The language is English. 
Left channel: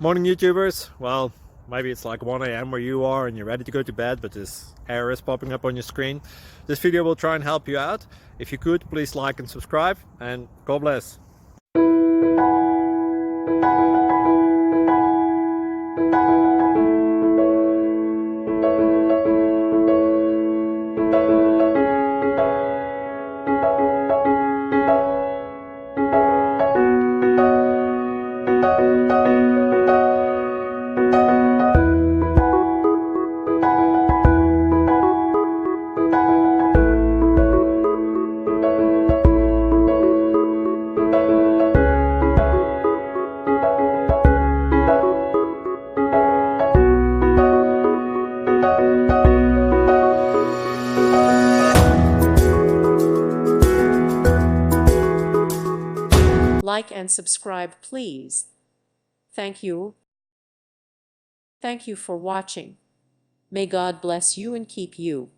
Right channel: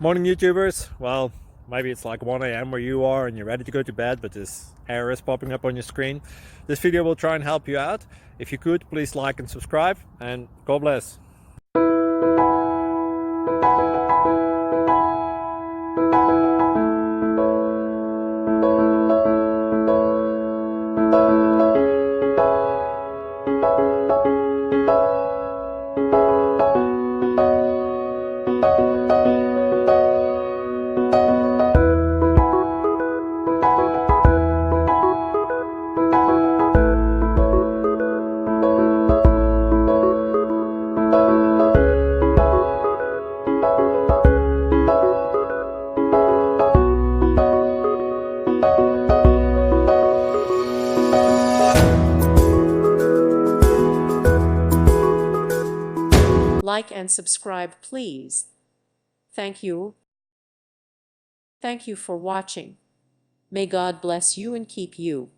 Morning YouTubers. Well, maybe it's like 1 a.m. where you are and you're ready to go to bed, but this error is popping up on your screen. This video will try and help you out. If you could, please like and subscribe, and God bless. Like and subscribe, please. Thank you. Thank you for watching. May God bless you and keep you.